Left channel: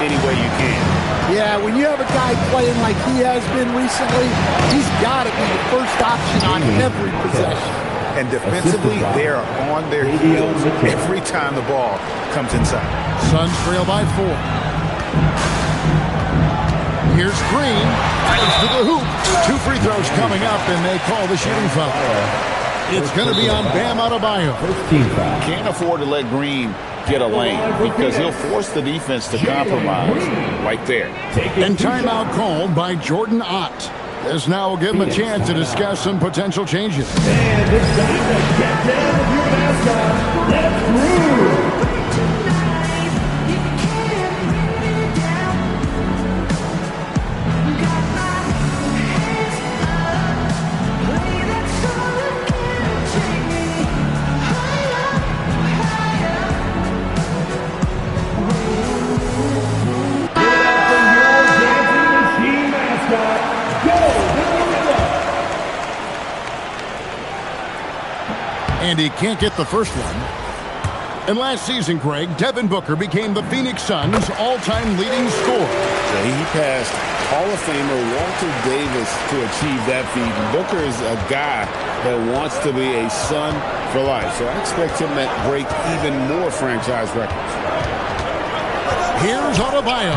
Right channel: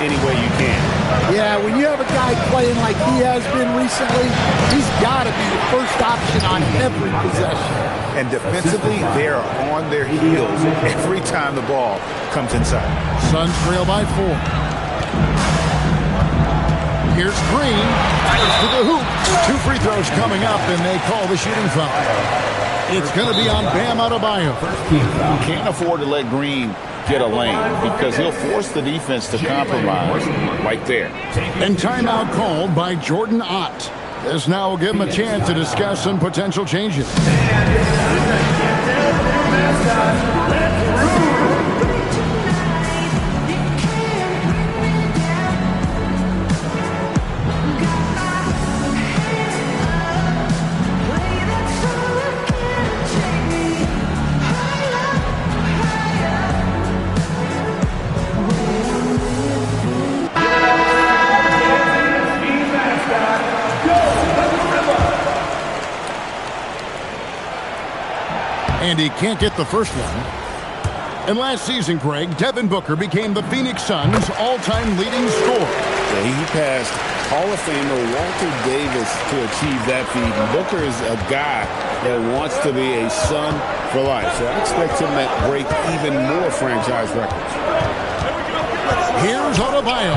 any way you can. Yeah, when you have a guy playing like he has been recently, he's got to be the first option on every possession. And defensively, they are on their heels every time the ball comes inside. Suns trail by 4. Here's Green. Fires to the hoop. 2 free throws coming up, and they call the shooting foul. It's going to be on Bam Adebayo. First team foul. Can't afford to let Green get a lane because he'll force the defense to compromise right there. And timeout called by Jordan Ott. This now will give him a chance to discuss some potential changes. And he can't get the first one. And last season, Greg, Devin Booker became the Phoenix Suns' all-time leading scorer. Yeah, he passed Hall of Famer Walter Davis to achieve that feat. And Booker is a guy that wants to be a Sun for life. So I expect him to break even more franchise records. Here's Adebayo.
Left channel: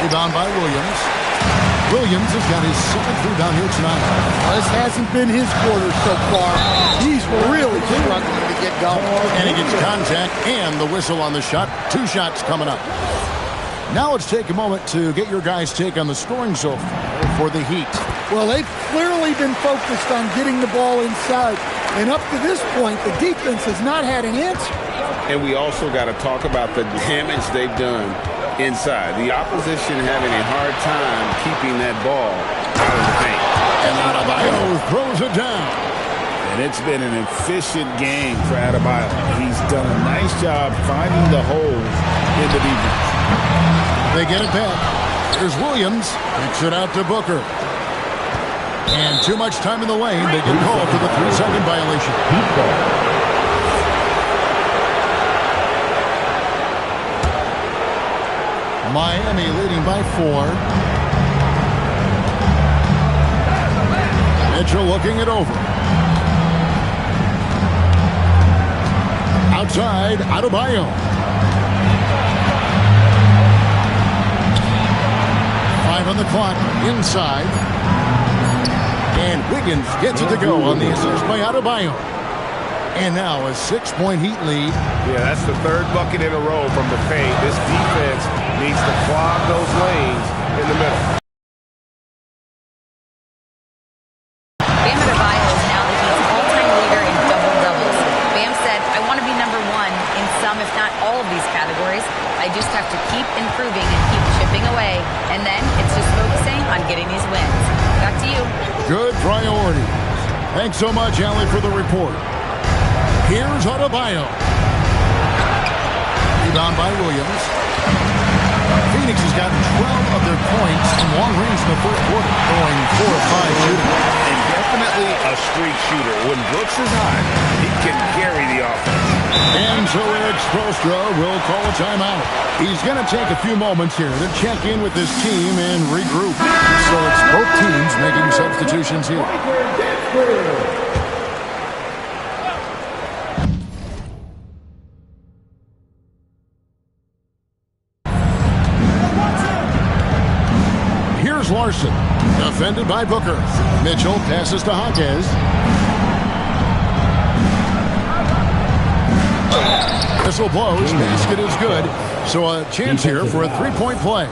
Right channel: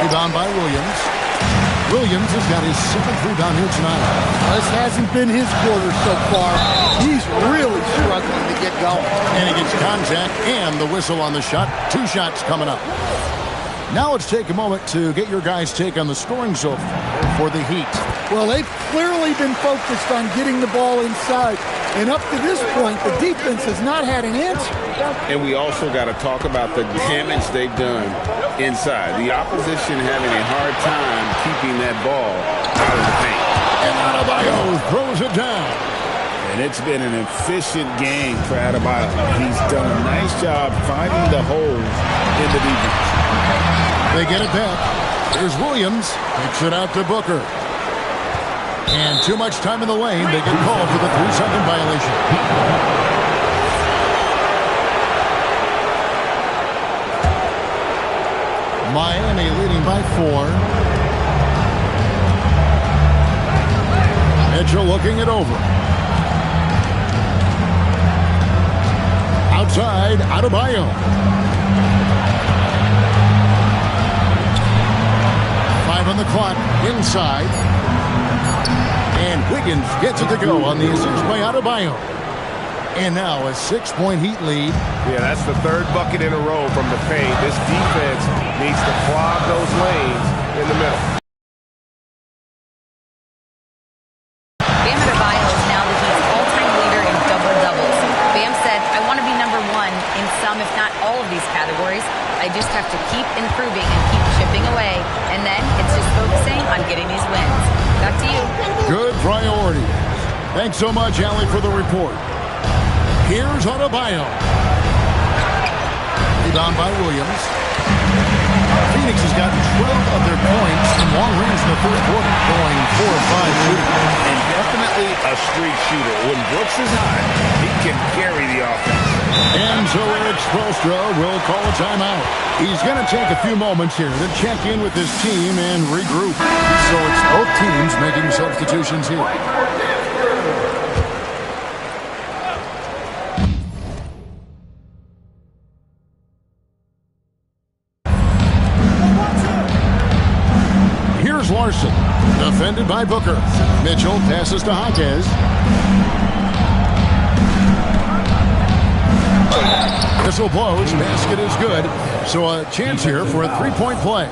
Rebound by Williams. Williams has got his 7th rebound here tonight. This hasn't been his quarter so far. He's really struggling to get going. And he gets contact and the whistle on the shot. 2 shots coming up. Now let's take a moment to get your guys' take on the scoring so far for the Heat. Well, they've clearly been focused on getting the ball inside. And up to this point, the defense has not had an answer. And we also got to talk about the damage they've done inside. The opposition having a hard time keeping that ball out of the paint. And Adebayo throws it down. And it's been an efficient game for Adebayo. He's done a nice job finding the holes in the defense. They get it back. Here's Williams. Kicks it out to Booker. And too much time in the lane. They get called for the 3-second violation. Miami leading by 4. Mitchell looking it over. Outside, Adebayo. 5 on the clock, inside. And Wiggins gets it to go on the assist by Adebayo. And now a 6-point Heat lead. Yeah, that's the 3rd bucket in a row from the paint. This defense needs to clog those lanes in the middle. Bam Adebayo is now the Heat's all-time leader in double-doubles. Bam said, I want to be number 1 in some, if not all of these categories. I just have to keep improving and keep chipping away. And then it's just focusing on getting these wins. Back to you. Good priorities. Thanks so much, Allie, for the report. Here's Adebayo. Rebound by Williams. Phoenix has gotten 12 of their points from long range in the first quarter, going 4 of 5 shooting. And definitely a streak shooter. When Brooks is hot, he can carry the offense. And so Eric Spoelstra will call a timeout. He's going to take a few moments here to check in with his team and regroup. So it's both teams making substitutions here. Here's Larson, defended by Booker. Mitchell passes to Hawkes. Whistle blows, basket is good. So a chance here for a 3-point play.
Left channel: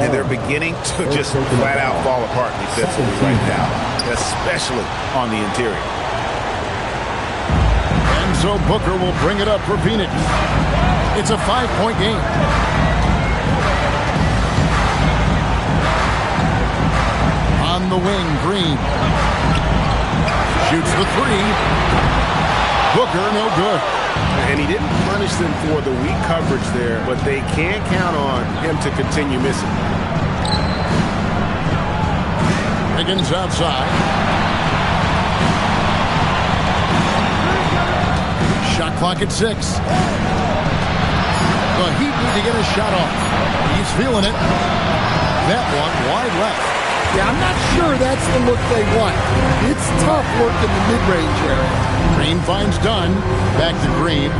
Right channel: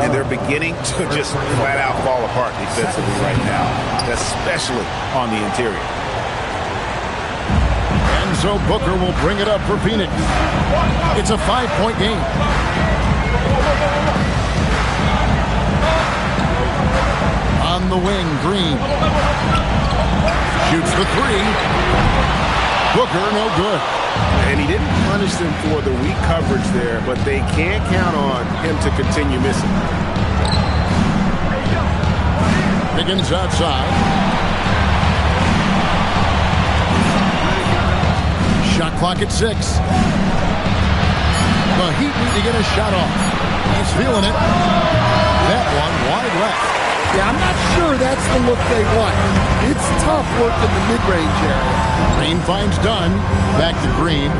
And they're beginning to just flat out fall apart defensively right now, especially on the interior. And so Booker will bring it up for Phoenix. It's a 5-point game. On the wing, Green. Shoots the 3. Booker, no good. And he didn't punish them for the weak coverage there, but they can't count on him to continue missing. Wiggins outside. Shot clock at 6. The Heat need to get a shot off. He's feeling it. That one wide left. Yeah, I'm not sure that's the look they want. It's tough working the mid-range area. Green finds Dunn. Back to Green.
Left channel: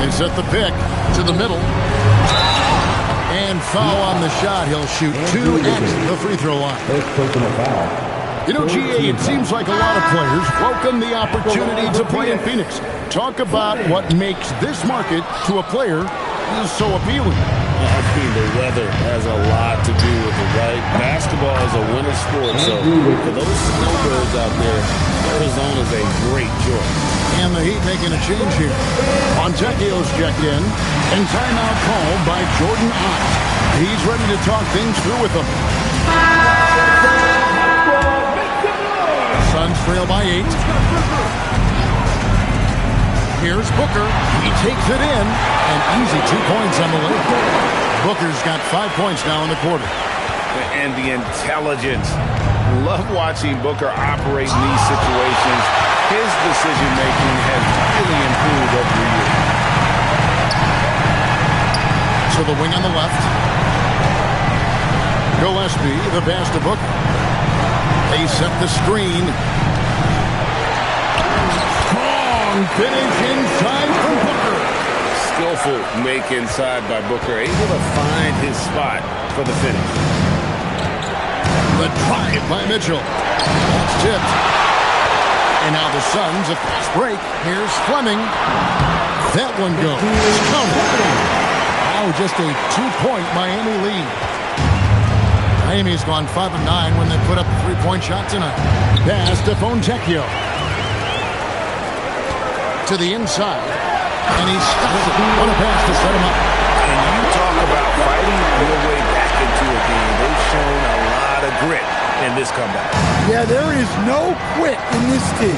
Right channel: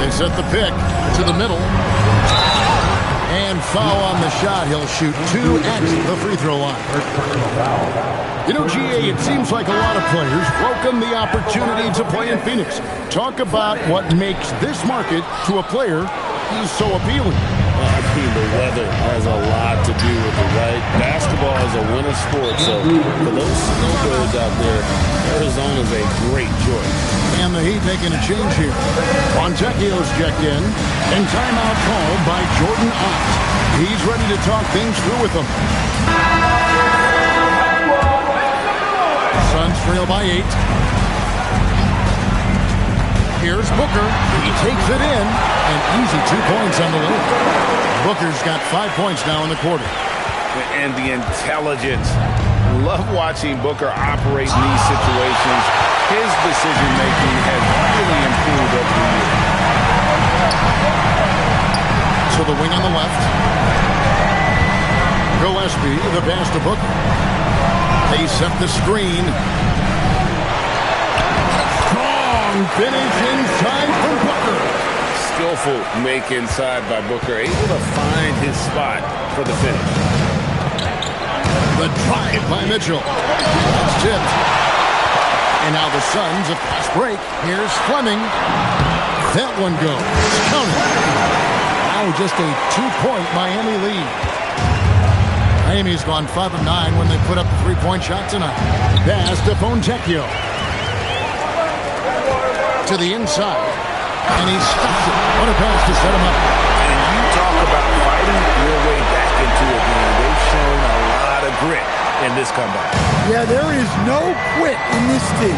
They set the pick to the middle. And foul on the shot. He'll shoot 2 at the free throw line. First personal foul. You know, GA, it seems like a lot of players welcome the opportunity to play in Phoenix. Talk about what makes this market to a player is so appealing. I mean, the weather has a lot to do with it, right? Basketball is a winter sport, so for those snowbirds out there, Arizona is a great choice. And the Heat making a change here. Fontecchio's checked in, and timeout called by Jordan Ott. He's ready to talk things through with them. Suns trail by 8. Here's Booker. He takes it in, and easy 2 points on the layup. Booker's got 5 points now in the quarter. And the intelligence. Love watching Booker operate in these situations. His decision-making has really improved over the years. To the wing on the left. Gillespie, the pass to Booker. They set the screen. Strong finish inside from Booker. Skillful make inside by Booker. Able to find his spot for the finish. The drive by Mitchell. That's tipped. And now the Suns, a fast break. Here's Fleming. That one goes. Counted. Now just a 2-point Miami lead. Miami's gone 5 of 9 when they put up the 3-point shot tonight. Pass to Fontecchio. To the inside. And he stops it. What a pass to set him up. And you talk about fighting your way back into a game. They've shown a lot of grit in this comeback. Yeah, there is no quit in this team.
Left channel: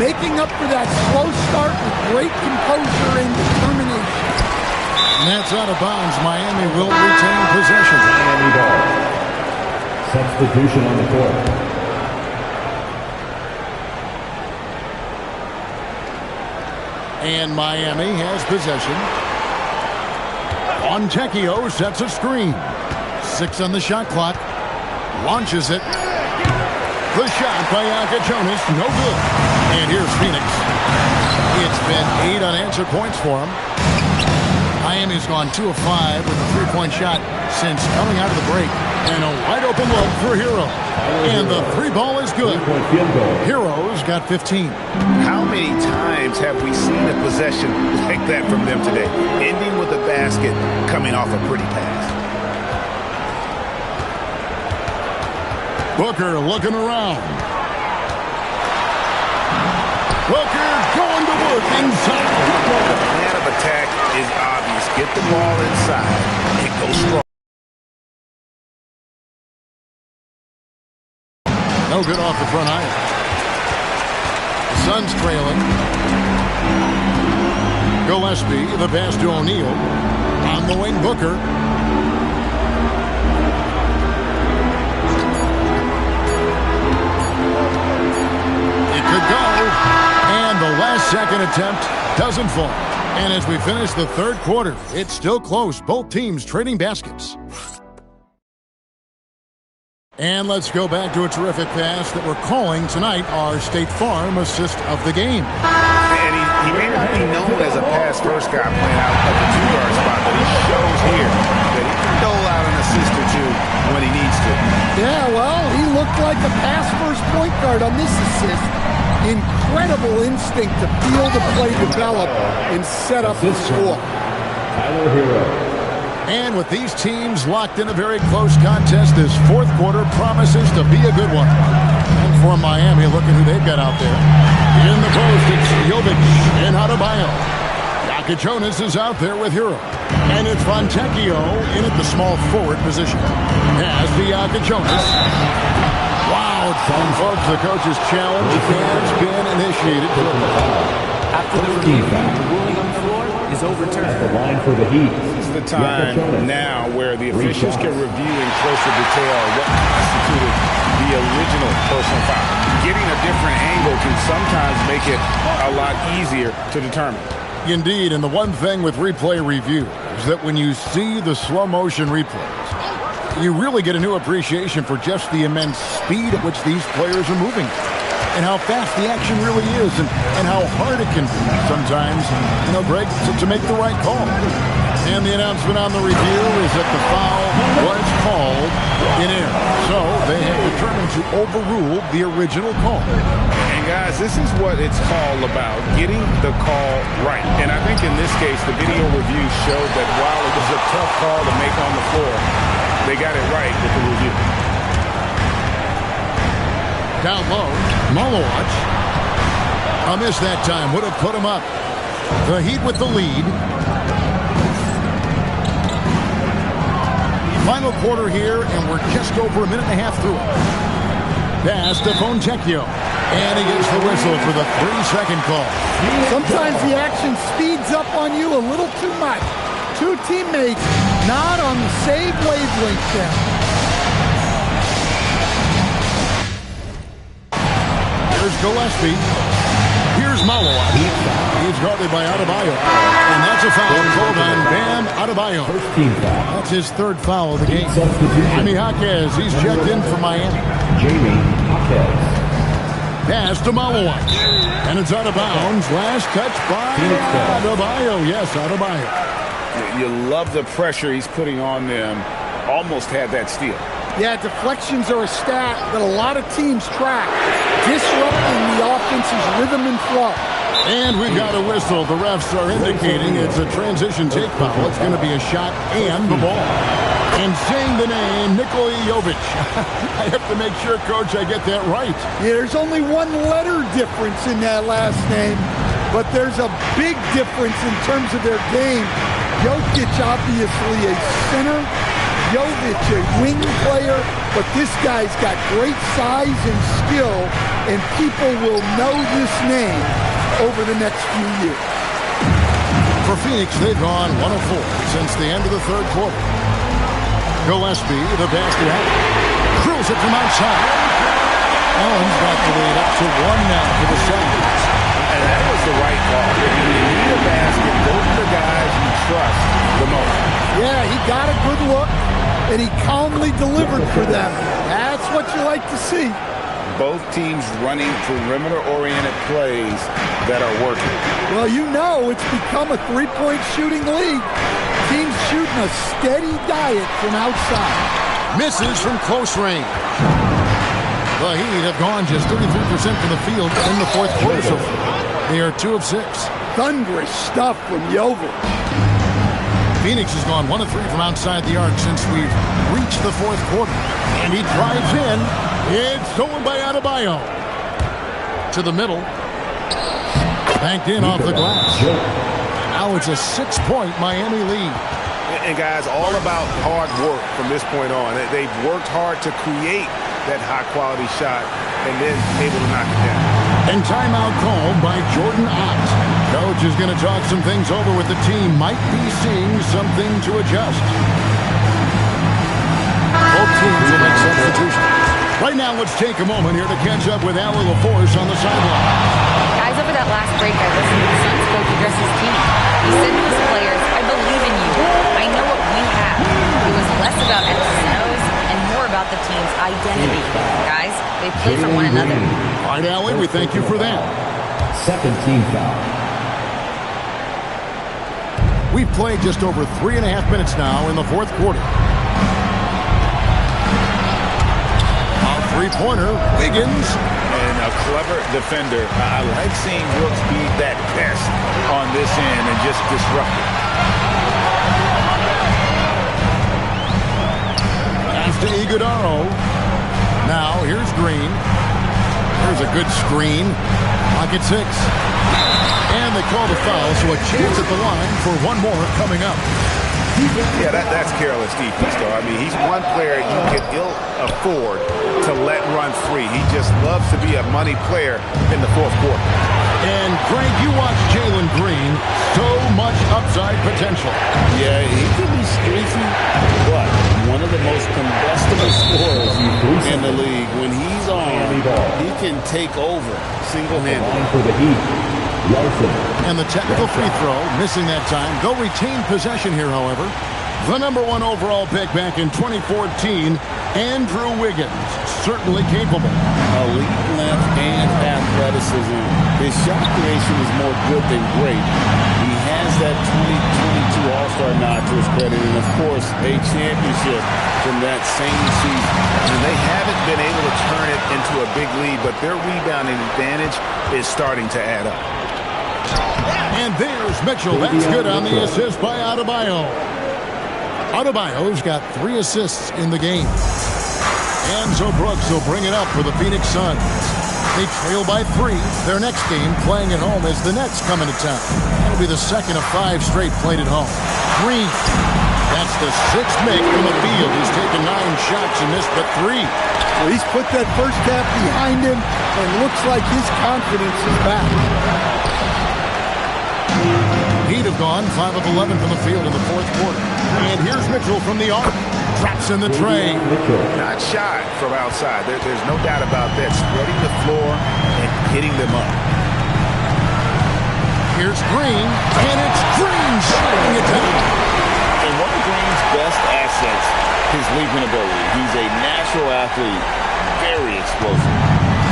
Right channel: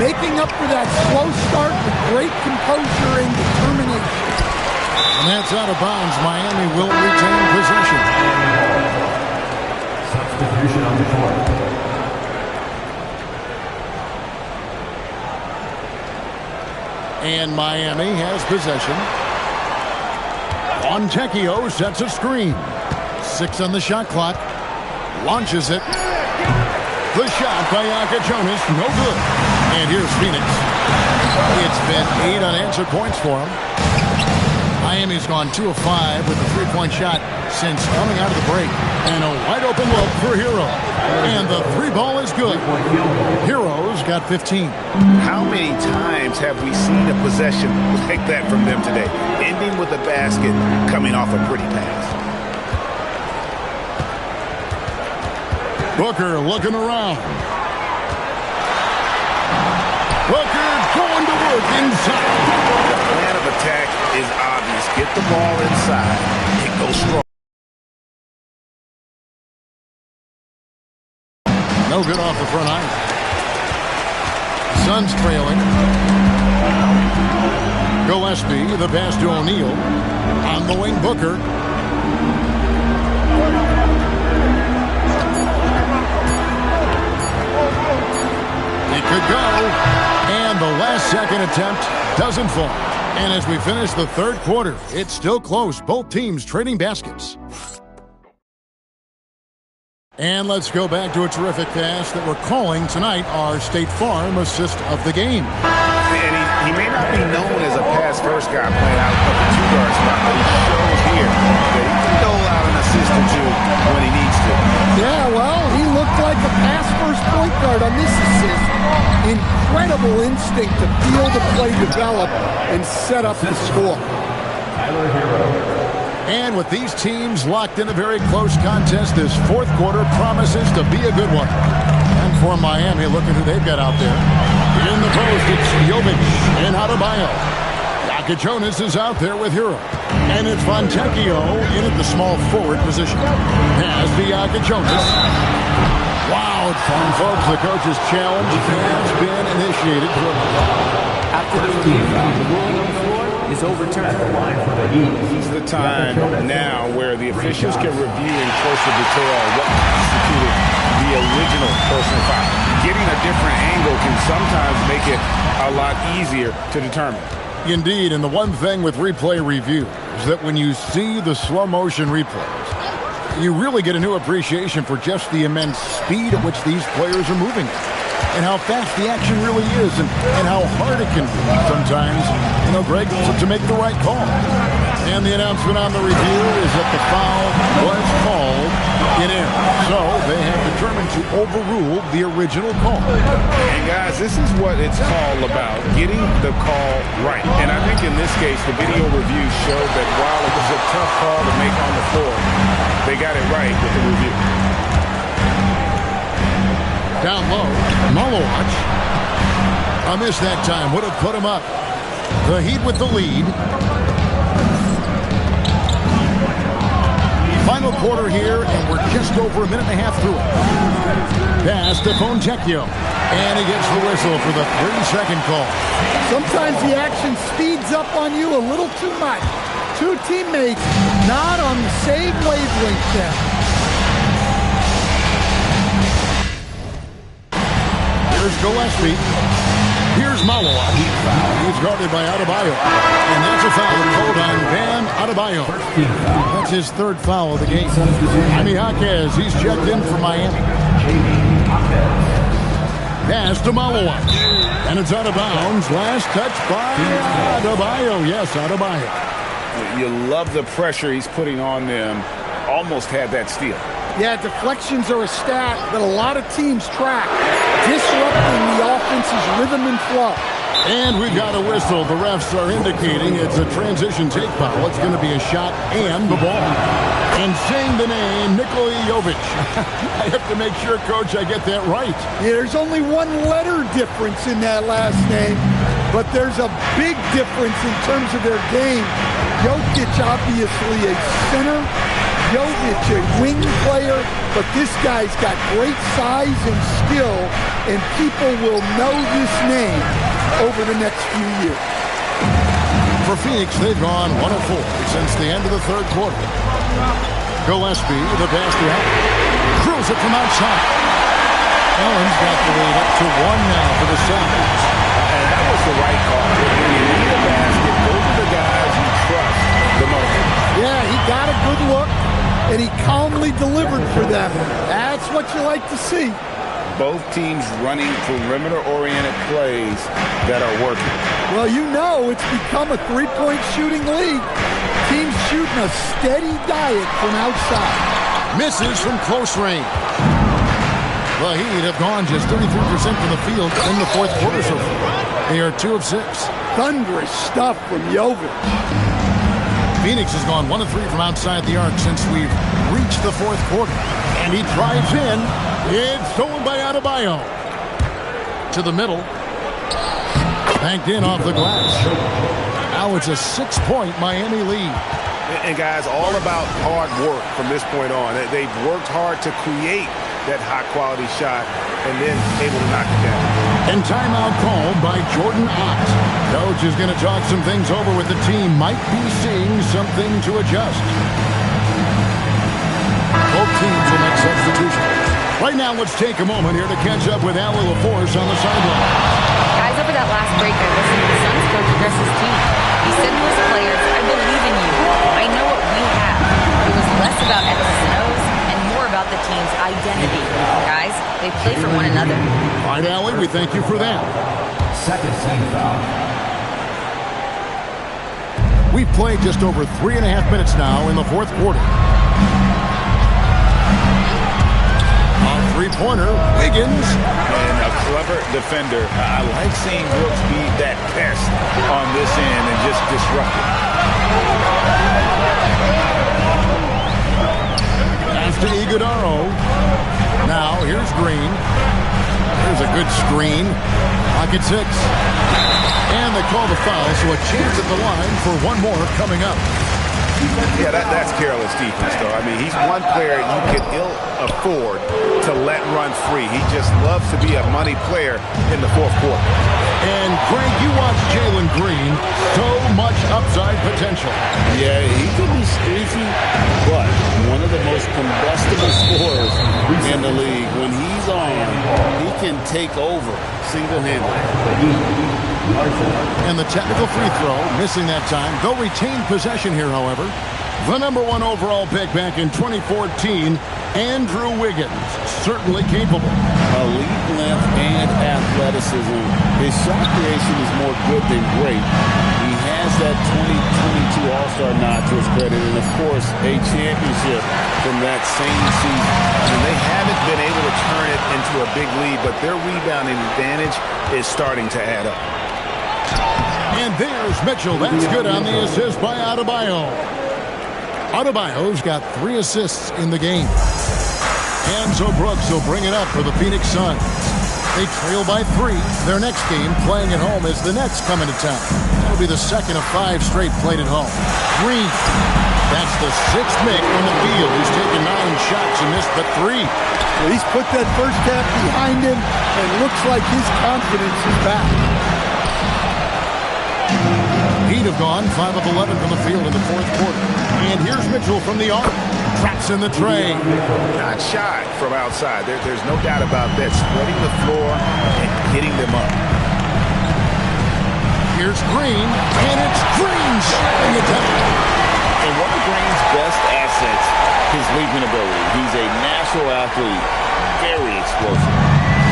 Making up for that slow start with great composure and determination. And that's out of bounds. Miami will retain possession. Miami ball. Substitution on the court. And Miami has possession. Fontecchio sets a screen. 6 on the shot clock. Launches it. The shot by Jonas, no good. And here's Phoenix. It's been 8 unanswered points for him. Miami's gone 2 of 5 with a 3-point shot since coming out of the break. And a wide open look for Hero. And the 3 ball is good. Hero's got 15. How many times have we seen a possession like that from them today? Ending with a basket, coming off a pretty pass. Booker looking around. Booker going to work inside. The plan of attack is obvious. Get the ball inside and go strong. No good off the front iron. The Suns trailing. Gillespie, the pass to O'Neal. On the wing, Booker. It could go. And the last second attempt doesn't fall. And as we finish the third quarter, it's still close. Both teams trading baskets. And let's go back to a terrific pass that we're calling tonight our State Farm assist of the game. And he may not be known as a pass-first guy playing out of the 2-guard spot, but he shows here that he can dole out an assist or 2 when he needs to. Yeah, well, he looked like a pass-first point guard on this assist. Incredible instinct to feel the play develop and set up the score. Tyler Hero. And with these teams locked in a very close contest, this fourth quarter promises to be a good one. And for Miami, look at who they've got out there. In the post, it's Jovic and Adebayo. Jonas is out there with Hero. And it's Fontecchio in at the small forward position. Has the Jonas. Wow, folks, the coach's challenge has been initiated. After the review, the ruling on the floor is overturned. The line for the Heat. This is the time now where the officials can review in closer detail what constituted the original personal foul. Getting a different angle can sometimes make it a lot easier to determine. Indeed, and the one thing with replay review is that when you see the slow motion replays, you really get a new appreciation for just the immense speed at which these players are moving and how fast the action really is and how hard it can be sometimes, Greg, to make the right call. And the announcement on the review is that the foul was called in error. So they have determined to overrule the original call. And guys, this is what it's all about, getting the call right. And I think in this case, the video review showed that while it was a tough call to make on the floor, they got it right with the review. Down low, Malowacz. A miss that time would have put him up. The Heat with the lead. Final quarter here, and we're just over a minute and a half through it. Pass to Fontecchio. And he gets the whistle for the 3-second call. Sometimes the action speeds up on you a little too much. Two teammates not on the same wavelength there. Here's Gillespie. Here's Malowacz. He's guarded by Adebayo. And that's a foul called on Bam Adebayo. First team foul. That's his third foul of the game. Jaime Jaquez, he's checked in for Miami. Jaime Jaquez. Pass to Malowacz. And it's out of bounds. Last touch by Adebayo. Yes, Adebayo. You love the pressure he's putting on them. Almost had that steal. Yeah, deflections are a stat that a lot of teams track, disrupting the offense's rhythm and flow. And we've got a whistle. The refs are indicating it's a transition take foul. It's going to be a shot and the ball. And saying the name, Nikola Jovic. I have to make sure, Coach, I get that right. Yeah, there's only one letter difference in that last name, but there's a big difference in terms of their game. Jokic, obviously a center. Jovic, a wing player, but this guy's got great size and skill, and people will know this name over the next few years. For Phoenix, they've gone 1 of 4 since the end of the third quarter. Gillespie, the pass to Allen. Drills it from outside. Allen's got the lead up to 1 now for the Celtics. And that was the right call. When you need a basket, go to the guys you trust the most. Yeah, he got a good look, and he calmly delivered for them. That's what you like to see. Both teams running perimeter-oriented plays that are working. Well, it's become a three-point shooting league. Teams shooting a steady diet from outside. Misses from close range. The Heat have gone just 33% from the field in the fourth quarter so far. They are 2 of 6. Thunderous stuff from Jovic. Phoenix has gone 1 of 3 from outside the arc since we've reached the fourth quarter. And he drives in. It's stolen by Adebayo. To the middle. Banked in off the glass. Now it's a 6-point Miami lead. And guys, all about hard work from this point on. They've worked hard to create that high-quality shot and then able to knock it down. And timeout called by Jordan Ott. Coach is going to talk some things over with the team. Might be seeing something to adjust. Both teams will make substitutions. Right now, let's take a moment here to catch up with Allie LaForce on the sideline. Guys, over that last break, I listened to the Suns coach address his team. He said to his players, I believe in you. I know what we have. It was less about X's and O's and more about the team's identity. Guys, they play for one another. All right, Allie, we thank you for that. Second team foul. We've played just over 3.5 minutes now in the fourth quarter. A three-pointer, Wiggins. And a clever defender. I like seeing Brooks be that pest on this end and just disrupt it. After Iguodaro. Now, here's Green. There's a good screen. Pocket 6. And they call the foul, so a chance at the line for one more coming up. Yeah, that's careless defense, though. I mean, he's one player you can ill afford to let run free. He just loves to be a money player in the fourth quarter. And, Greg, you watch Jalen Green. So much upside potential. Yeah, he can be streaky, but one of the most combustible scorers in the league. When he's on, he can take over single-handedly. For the Heat. And the technical free throw, missing that time. They'll retain possession here, however. The number 1 overall pick back in 2014, Andrew Wiggins, certainly capable. Elite length and athleticism. His shot creation is more good than great. He has that 2022 All-Star nod to his credit, and of course, a championship from that same season. And they haven't been able to turn it into a big lead, but their rebounding advantage is starting to add up. And there's Mitchell. That's good on the assist by Adebayo. Adebayo's got 3 assists in the game. And so Brooks will bring it up for the Phoenix Suns. They trail by 3. Their next game, playing at home, as the Nets come into town. That'll be the second of 5 straight played at home. Green. That's the 6th make from the field. He's taken 9 shots and missed but 3. Well, he's put that first half behind him and looks like his confidence is back. He'd have gone 5 of 11 from the field in the 4th quarter. And here's Mitchell from the arc. Drops in the tray. Not shy from outside. There's no doubt about that. Spreading the floor and hitting them up. Here's Green, and it's Green shutting it down. And one of Green's best assets, his leaping ability. He's a natural athlete, very explosive.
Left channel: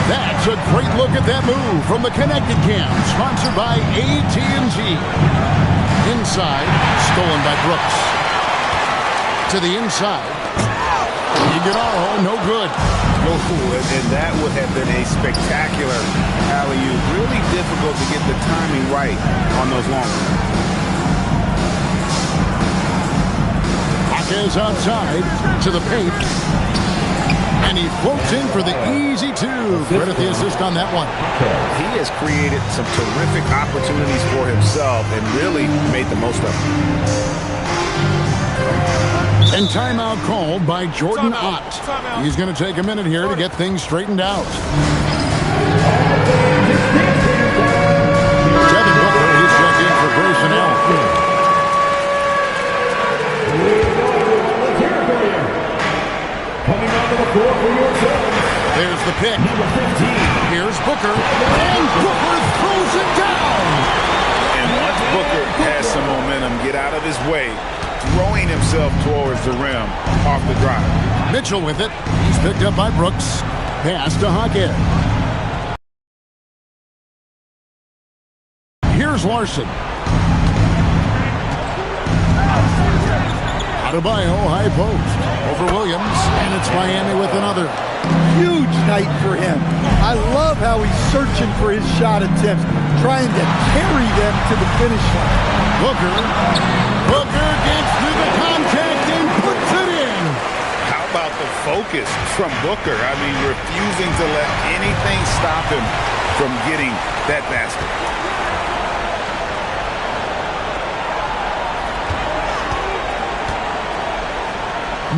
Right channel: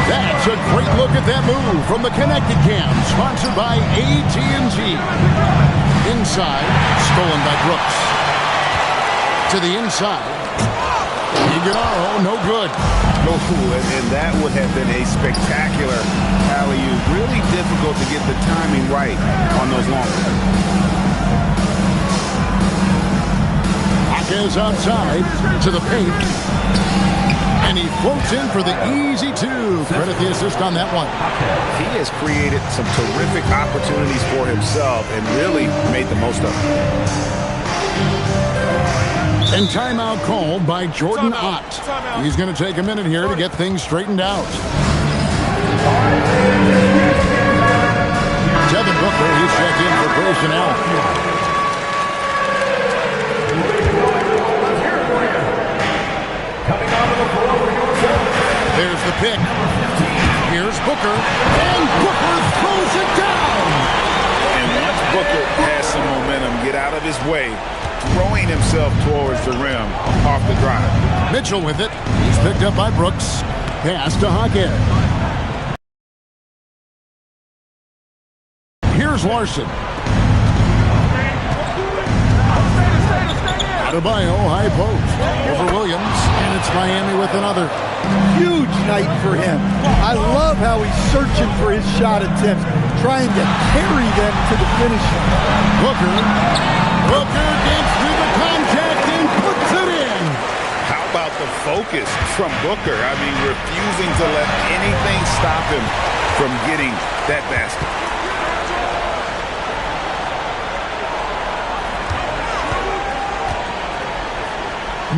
That's a great look at that move from the Connected Cam, sponsored by AT&T. Inside, stolen by Brooks. To the inside. Iguodala, no good. No, and that would have been a spectacular alley-oop. Really difficult to get the timing right on those long ones. Hawkins outside to the paint. And he floats in for the easy 2. Credit the assist on that one. He has created some terrific opportunities for himself and really made the most of them. And timeout called by Jordan Ott. He's going to take a minute here to get things straightened out. Devin Booker, he's checked in for Grayson Allen. There's the pick. Here's Booker. And Booker throws it down. And once Booker has some momentum, get out of his way, throwing himself towards the rim off the drive. Mitchell with it. He's picked up by Brooks. Pass to Hawkins. Here's Larson. Adebayo, high post. Over Williams. And it's Miami with another. Huge night for him. I love how he's searching for his shot attempts, trying to carry them to the finish line. Booker gets through the contact and puts it in. How about the focus from Booker? I mean, refusing to let anything stop him from getting that basket.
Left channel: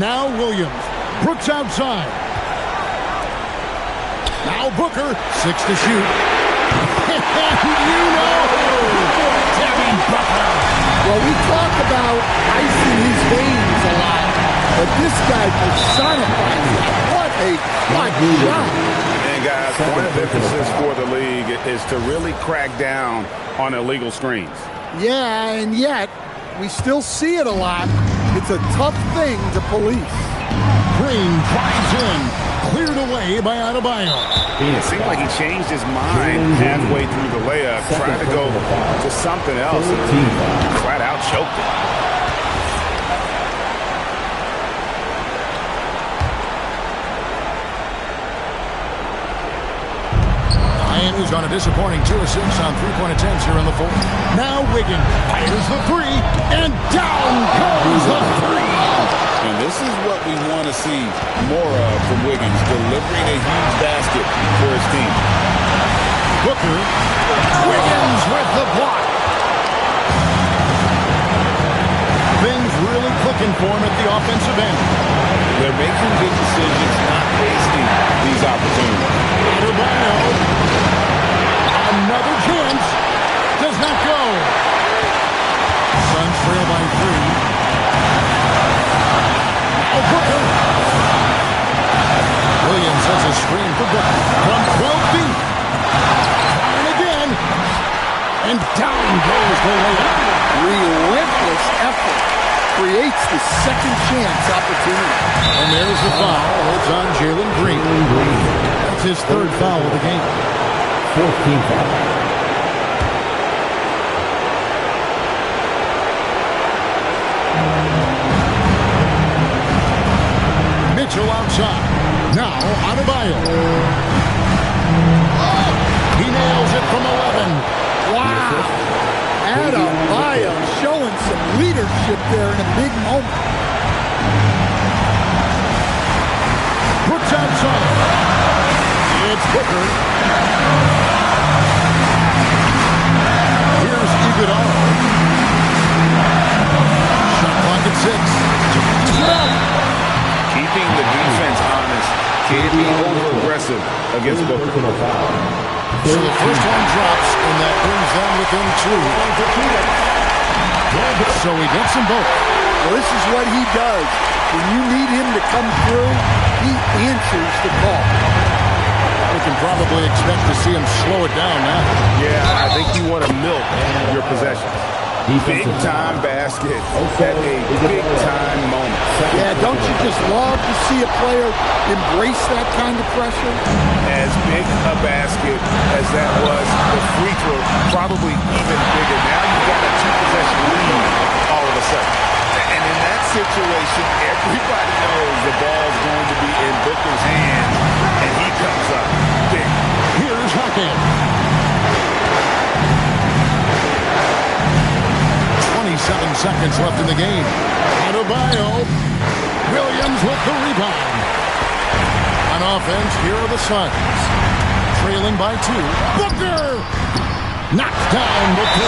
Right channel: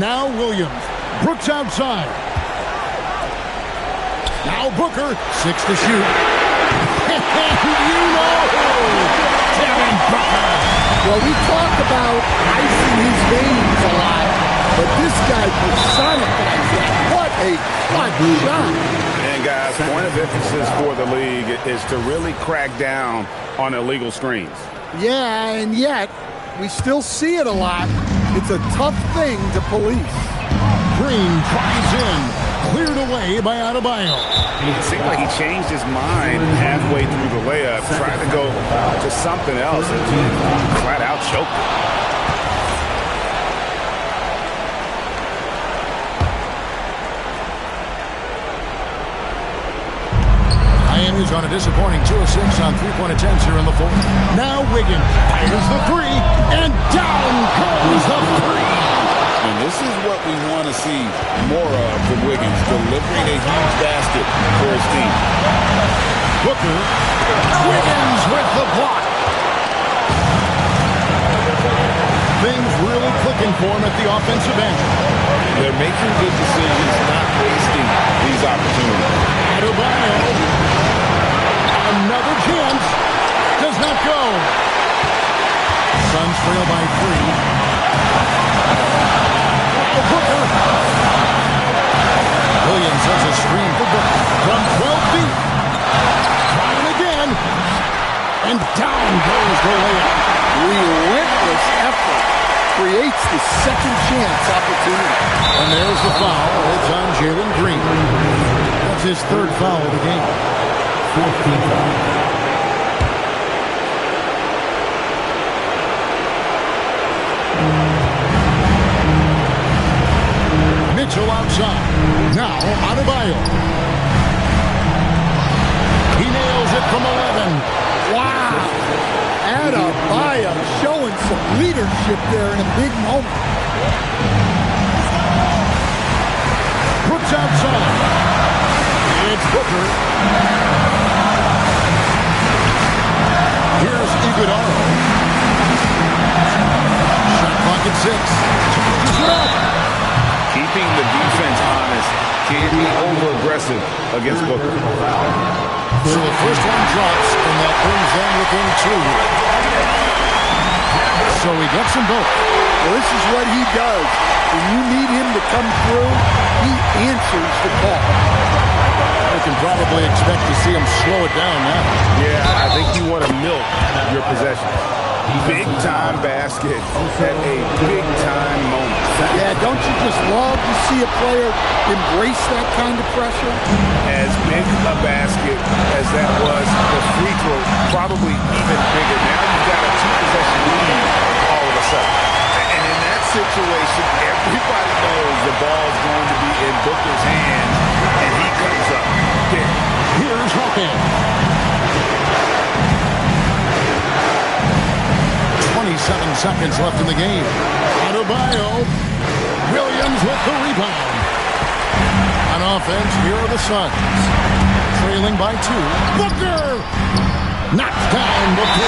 Now Williams. Brooks outside. Now Booker. 6 to shoot. And you know who. Devin Booker. Well, we talk about ice in his veins a lot, but this guy personifies that. What a clutch shot. And guys, point of emphasis for the league is to really crack down on illegal screens. Yeah, and yet we still see it a lot. It's a tough thing to police. Green drives in. Cleared away by Adebayo. It seemed like he changed his mind halfway through the layup, tried to go to something else, and flat out choked it. Miami's on a disappointing 2 of 6 on 3-point attempts here in the 4th. Now Wiggins fires the 3, and down goes the 3. And this is what we want to see more of from Wiggins, delivering a huge basket for his team. Booker. Wiggins with the block. Things really clicking for him at the offensive end. They're making good decisions, not wasting these opportunities. Adebayo. Another chance. Does not go. Suns trail by 3. Booker. Williams has a screen for Booker from 12 feet. Trying again. And down goes the layup. Relentless effort creates the second chance opportunity. And there's the foul. It's on Jalen Green. That's his third foul of the game. 14th foul. Mitchell outside. Now Adebayo. He nails it from 11. Wow. Adebayo showing some leadership there in a big moment. Brooks outside. It's Booker. Here's Iguodala. Shot clock at 6. Changes it up. Keeping the defense honest. Can't be over-aggressive against Booker. So the first one drops, and that brings them within 2. So he gets them both. Well, this is what he does. When you need him to come through, he answers the call. We can probably expect to see him slow it down now. Yeah, I think you want to milk your possessions. Big-time basket at a big-time moment. Yeah, don't you just love to see a player embrace that kind of pressure? As big a basket as that was, the free throw probably even bigger. Now you've got a 2-possession lead all of a sudden. And in that situation, everybody knows the ball's going to be in Booker's hands, and he comes up big. Here's Hawkins. 27 seconds left in the game. Adebayo. Williams with the rebound. On offense, here are the Suns. Trailing by 2. Booker! Knocked down the 3.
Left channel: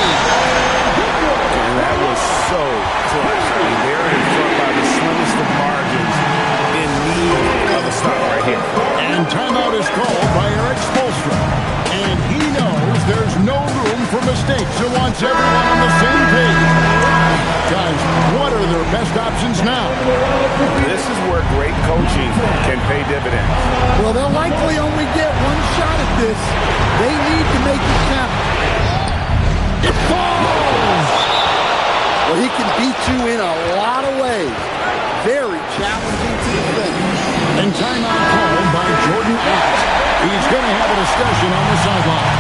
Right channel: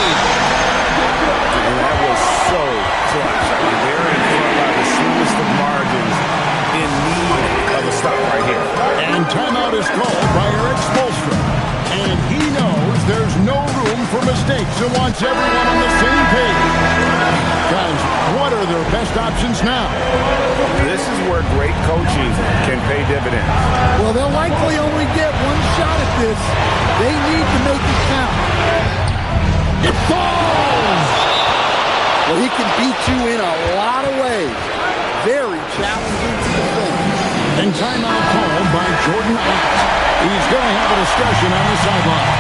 And that was so clutch. I mean, they're in front by the slimmest of margins, in need of a stop right here. And timeout is called by Eric Spoelstra. And he knows there's no room for mistakes and wants everyone on the same page. Guys, what are their best options now? This is where great coaching can pay dividends. Well, they'll likely only get one shot at this. They need to make it count. It falls! Well, he can beat you in a lot of ways. Very challenging to defend. And timeout called by Jordan Ott. He's going to have a discussion on the sideline.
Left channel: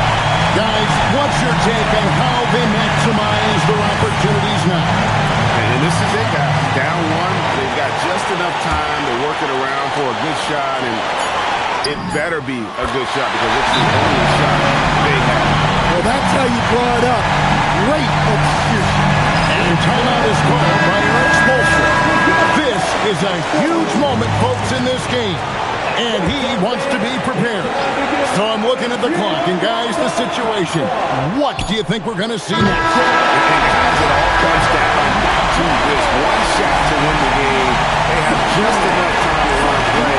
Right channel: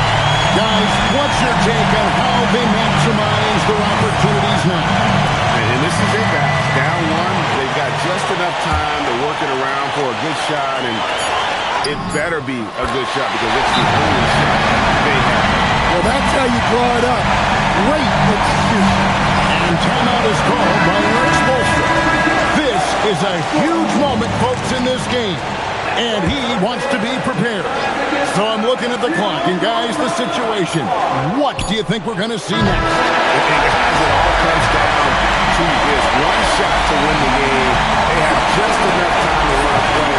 Guys, what's your take on how they maximize their opportunities now? And this is it, guys. Down 1, they've got just enough time to work it around for a good shot, and it better be a good shot because it's the only shot they have. Well, that's how you draw it up. Great execution. And timeout is called by Eric Spoelstra. This is a huge moment, folks, in this game. And he wants to be prepared. So I'm looking at the clock. And, guys, the situation. What do you think we're going to see next? And, guys, it all comes down to this. One shot to win the game. They have just enough time to run a play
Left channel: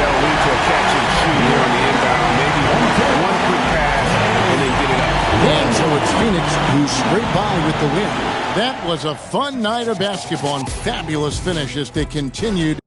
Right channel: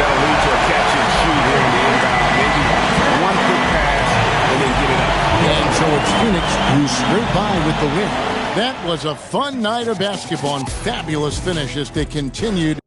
that'll lead to a catch and shoot here on the inbound. Maybe one quick pass and then get it up. And so it's Phoenix who scraped by with the win. That was a fun night of basketball and fabulous finish as they continued.